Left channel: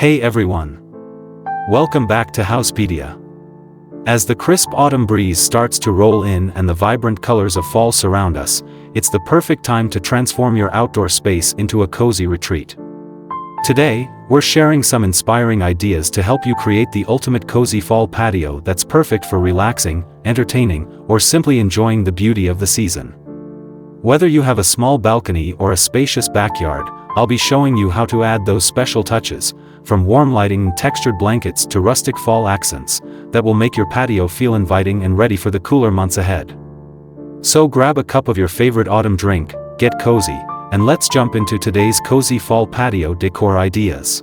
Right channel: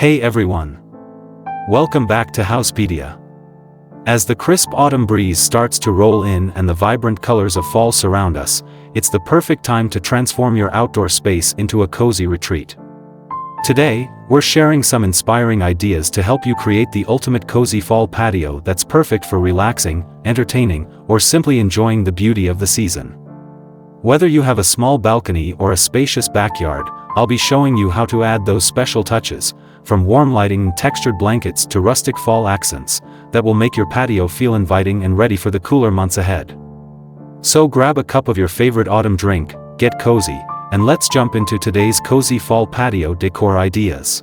Hey everyone! Welcome back to Houzzpedia. As the crisp autumn breeze starts to roll in and the vibrant colors of fall surround us, it's the perfect time to transform your outdoor space into a cozy retreat. Today, we're sharing some inspiring ideas to help you create the ultimate cozy fall patio that's perfect for relaxing, entertaining, or simply enjoying the beauty of the season. Whether you have a small balcony or a spacious backyard, I'll be showing you how to add those special touches, from warm lighting and textured blankets to rustic fall accents, that will make your patio feel inviting and ready for the cooler months ahead. So grab a cup of your favorite autumn drink, get cozy, and let's jump into today's cozy fall patio decor ideas.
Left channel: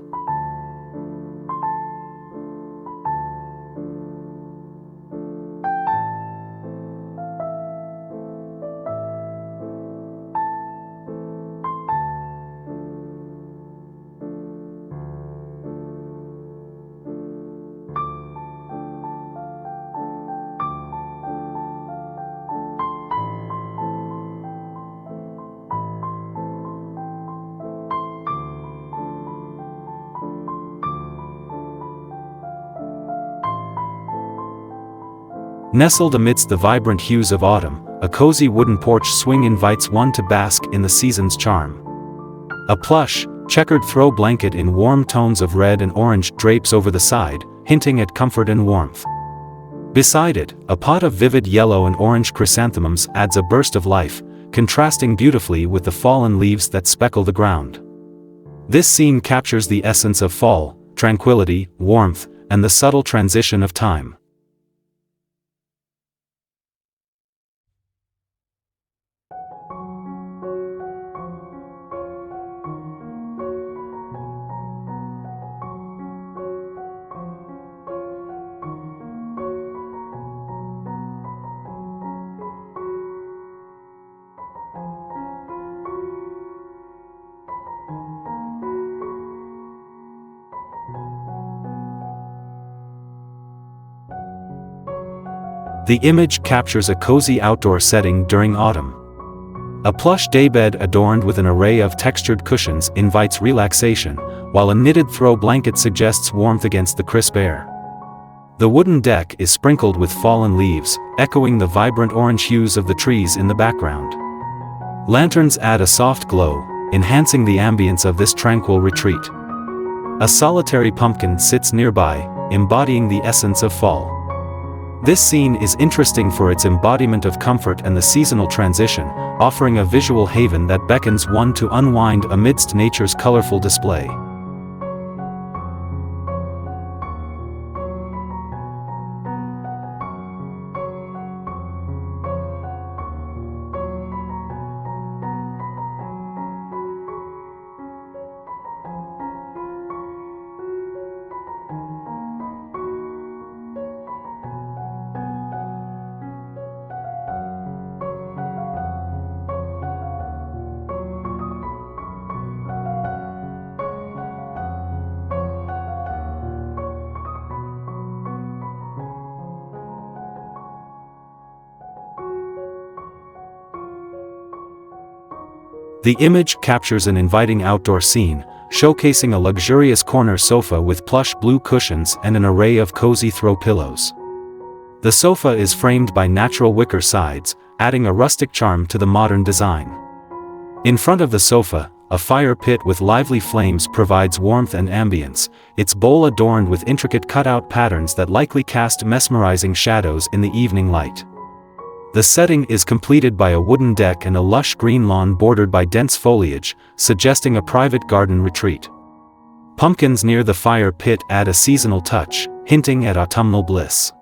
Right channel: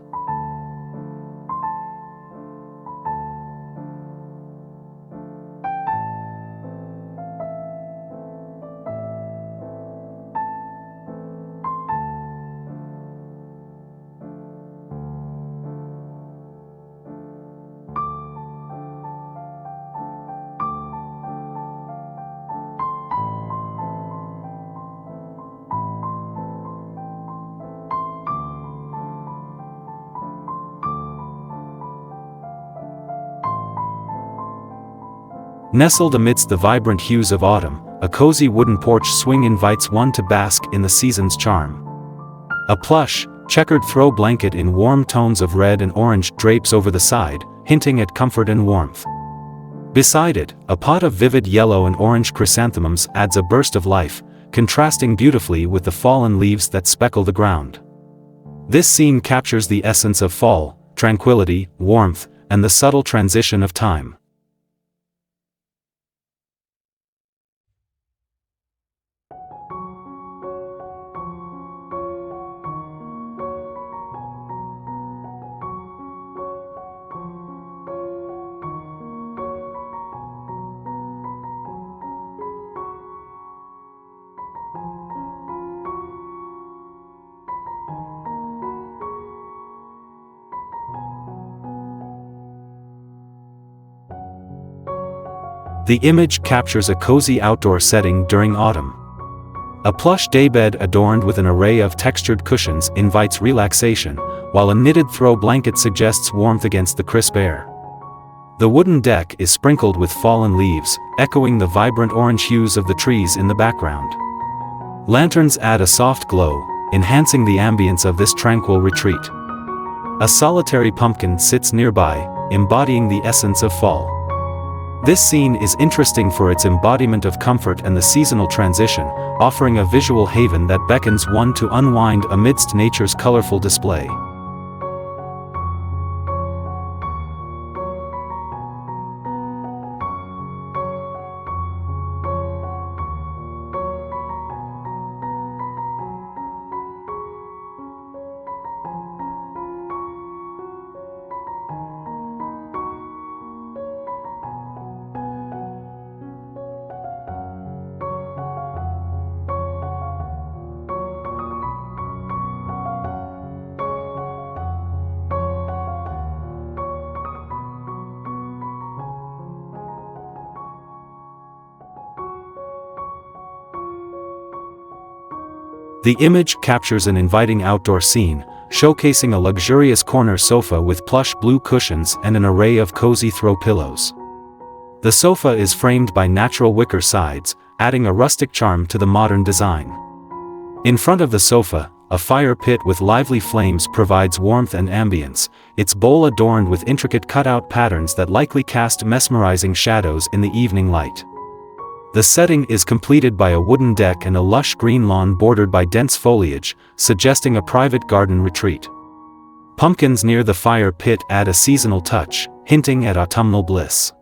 Nestled amidst the vibrant hues of autumn, a cozy wooden porch swing invites one to bask in the season's charm. A plush, checkered throw blanket in warm tones of red and orange drapes over the side, hinting at comfort and warmth. Beside it, a pot of vivid yellow and orange chrysanthemums adds a burst of life, contrasting beautifully with the fallen leaves that speckle the ground. This scene captures the essence of fall, tranquility, warmth, and the subtle transition of time. The image captures a cozy outdoor setting during autumn. A plush daybed adorned with an array of textured cushions invites relaxation, while a knitted throw blanket suggests warmth against the crisp air. The wooden deck is sprinkled with fallen leaves, echoing the vibrant orange hues of the trees in the background. Lanterns add a soft glow, enhancing the ambience of this tranquil retreat. A solitary pumpkin sits nearby, embodying the essence of fall. This scene is interesting for its embodiment of comfort and the seasonal transition, offering a visual haven that beckons one to unwind amidst nature's colorful display. The image captures an inviting outdoor scene, showcasing a luxurious corner sofa with plush blue cushions and an array of cozy throw pillows. The sofa is framed by natural wicker sides, adding a rustic charm to the modern design. In front of the sofa, a fire pit with lively flames provides warmth and ambience, its bowl adorned with intricate cutout patterns that likely cast mesmerizing shadows in the evening light. The setting is completed by a wooden deck and a lush green lawn bordered by dense foliage, suggesting a private garden retreat. Pumpkins near the fire pit add a seasonal touch, hinting at autumnal bliss.